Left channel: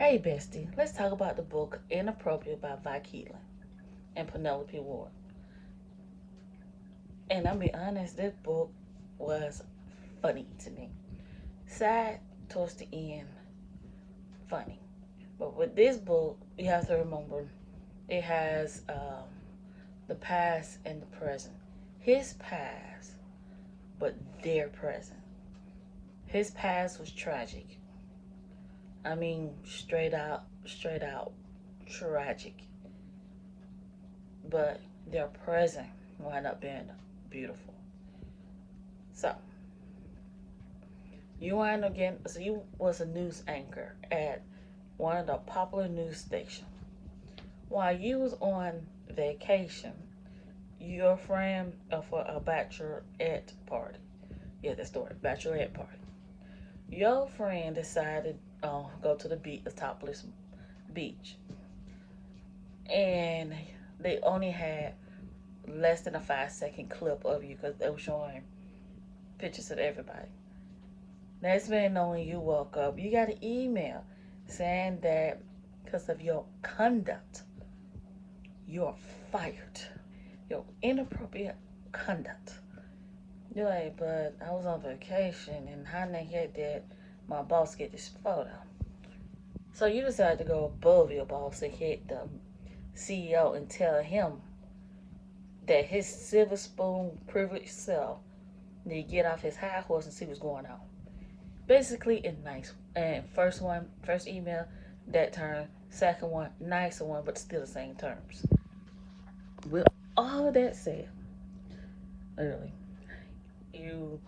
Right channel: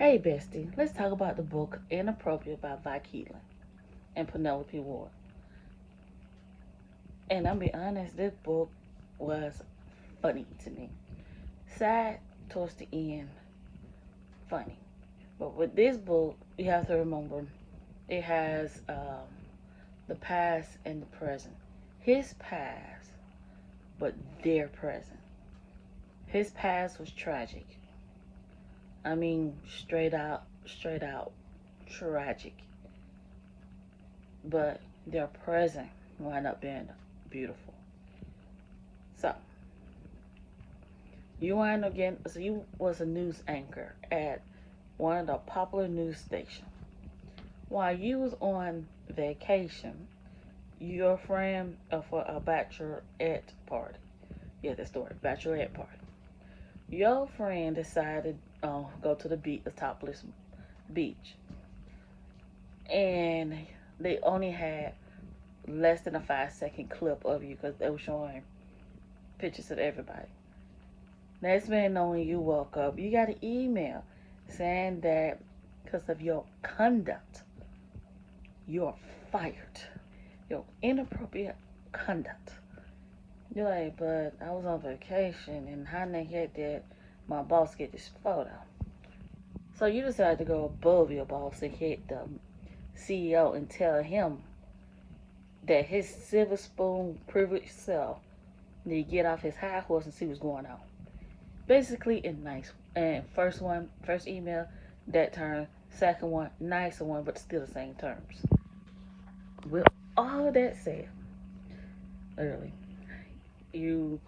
Hey bestie, let's talk about the book Inappropriate by Vi Keeland and Penelope Ward. And I'll be honest, this book was funny to me. Sad towards the end, funny. But with this book, you have to remember it has the past and the present. His past, but their present. His past was tragic. I mean, straight out tragic. But their present wound up being beautiful. So you wind up getting. So you was a news anchor at one of the popular news stations. While you was on vacation, your friend for a bachelorette party. Yeah, that's the word, bachelorette party. Your friend decided go to the beach, the topless beach, and they only had less than a 5 second clip of you because they were showing pictures of everybody. Next man knowing you woke up, you got an email saying that because of your conduct, you're fired. Your inappropriate conduct. You're like, but I was on vacation and how the heck did my boss get this photo? So you decided to go above your boss and hit the CEO and tell him that his silver spoon privileged self need to get off his high horse and see what's going on. Basically, in nice. And first email, that term. Second one, nicer one, but still the same terms. With all that said, literally, you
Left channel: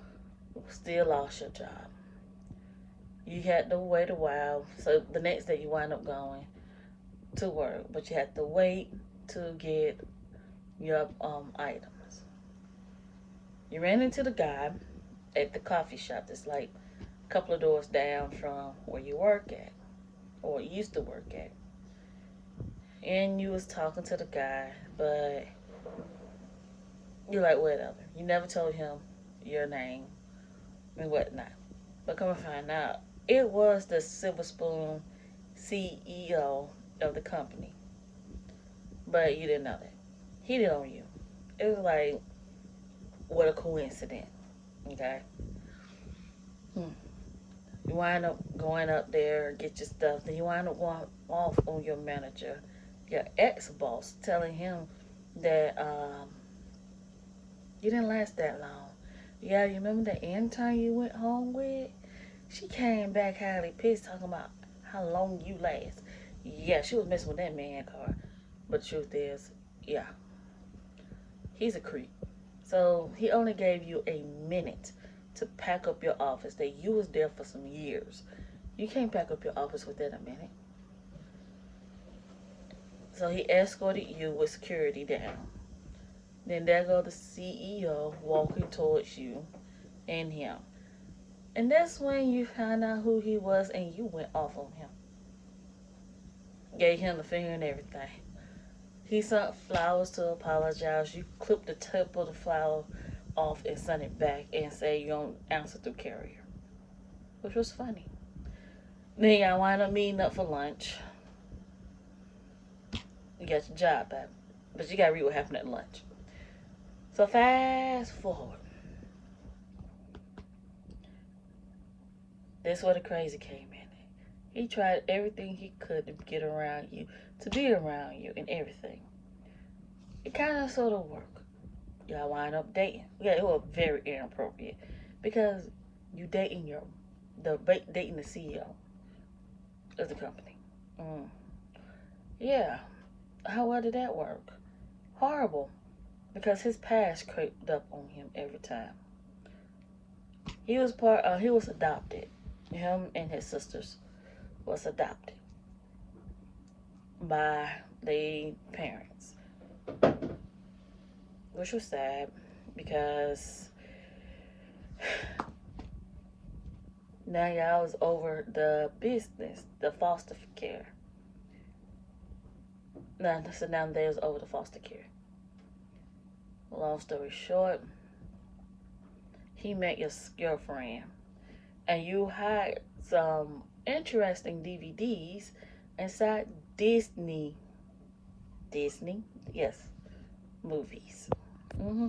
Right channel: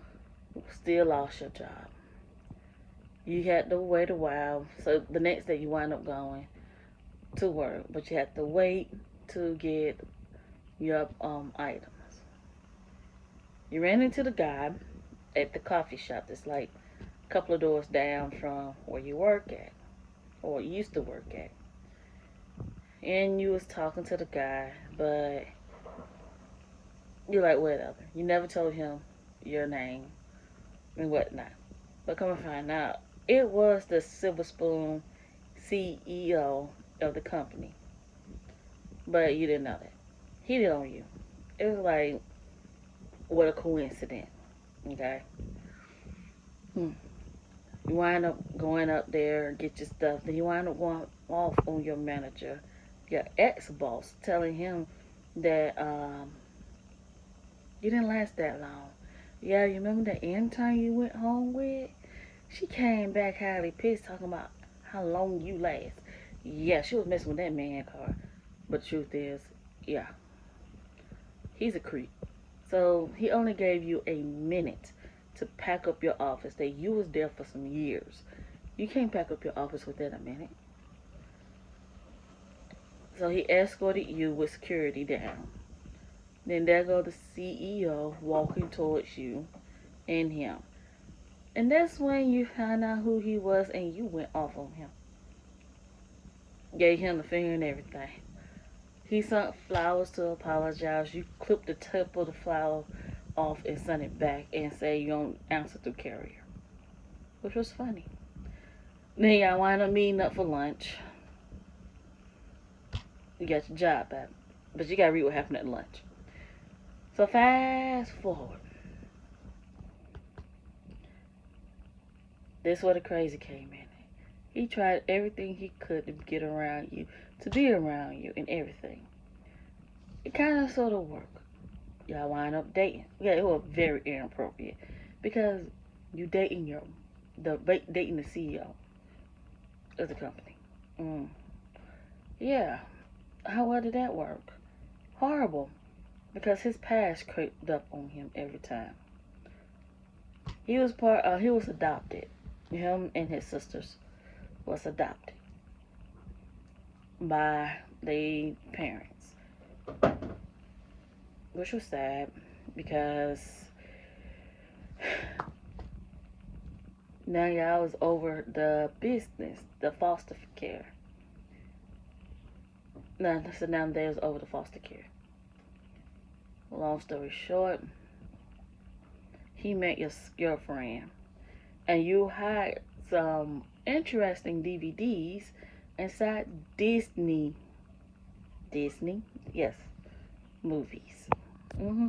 still lost your job. You had to wait a while. So the next day you wind up going to work, but you had to wait to get your items. You ran into the guy at the coffee shop that's like a couple of doors down from where you work at or used to work at. And you was talking to the guy, but you're like, whatever. You never told him your name and whatnot. But come and find out, it was the Silver Spoon CEO of the company. But you didn't know that. He did on you. It was like, what a coincidence. Okay? Hmm. You wind up going up there, get your stuff. Then you wind up going off on your manager, your ex-boss, telling him that you didn't last that long. Yeah, you remember the intern you went home with? She came back highly pissed talking about how long you last. Yeah, she was messing with that man car. But the truth is, yeah, he's a creep. So he only gave you a minute to pack up your office that you was there for some years. You can't pack up your office within a minute. So he escorted you with security down. Then there go the CEO walking towards you and him. And that's when you found out who he was and you went off on him. Gave him the finger and everything. He sent flowers to apologize. You clipped the tip of the flower off and sent it back and said you don't answer through carrier. Which was funny. Then y'all wind up meeting up for lunch. You got your job back. But you gotta read what happened at lunch. So fast forward. This where the crazy came in. He tried everything he could to get around you, to be around you and everything. It kind of sort of worked. Y'all wind up dating. Yeah, it was very inappropriate because you dating the CEO of the company. Mm. Yeah, how well did that work? Horrible, because his past crept up on him every time. He was he was adopted. Him and his sisters was adopted by the parents, which was sad because now y'all was over the business, the foster care. Now, so now they was over the foster care. Long story short, he met your girlfriend, and you hired some interesting DVDs inside Disney, yes, movies. hmm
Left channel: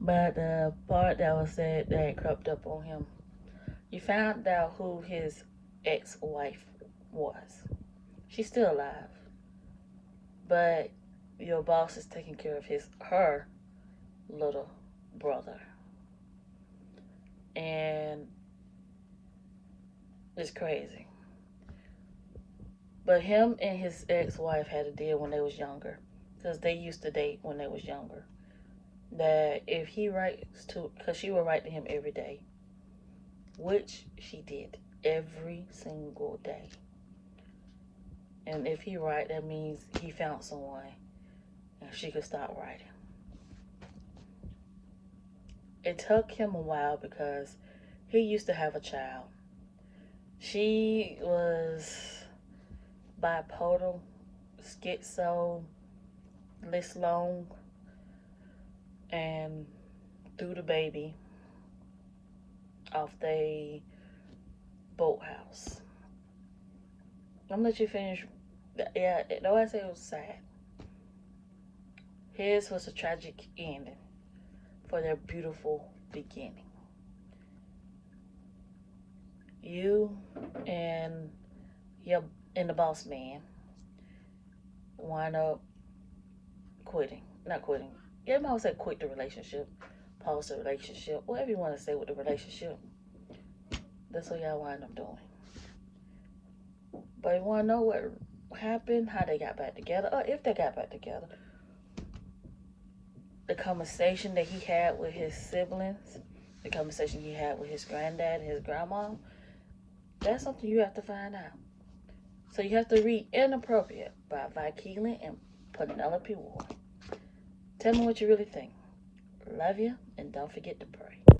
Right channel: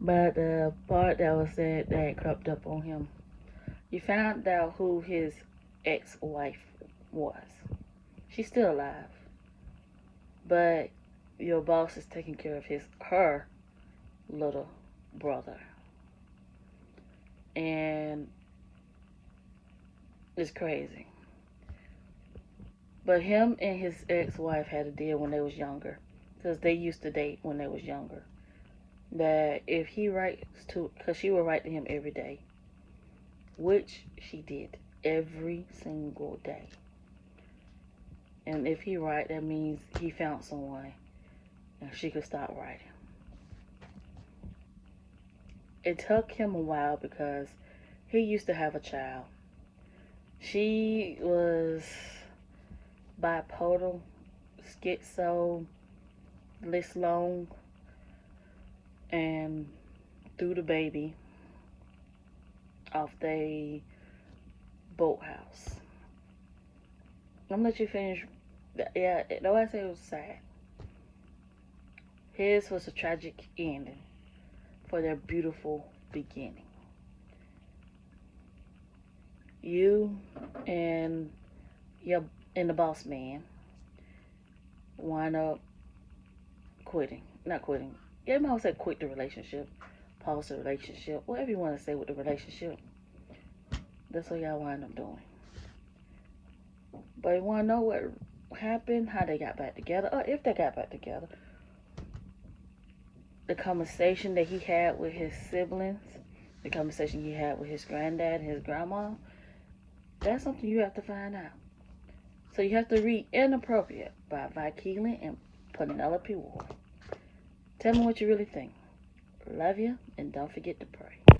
But the part that was said that crept up on him, you found out who his ex-wife was. She's still alive, but your boss is taking care of her little brother, and it's crazy. But him and his ex-wife had a deal when they was younger, because they used to date when they was younger. That if he writes to, because she would write to him every day, which she did every single day. And if he write, that means he found someone, and she could stop writing. It took him a while because he used to have a child. She was bipolar, schizo, list long, and threw the baby off the boathouse. I'm gonna let you finish. Yeah, no, I say it was sad. His was a tragic ending for their beautiful beginning. You and your and the boss man wind up quitting. Not quitting. Yeah, I might say quit the relationship, pause the relationship, whatever you want to say with the relationship. That's what y'all wind up doing. But you want to know what happened, how they got back together, or if they got back together. The conversation that he had with his siblings, the conversation he had with his granddad and his grandma, that's something you have to find out. So you have to read Inappropriate by Vi Keeland and Penelope Ward. Tell me what you really think. Love you, and don't forget to pray.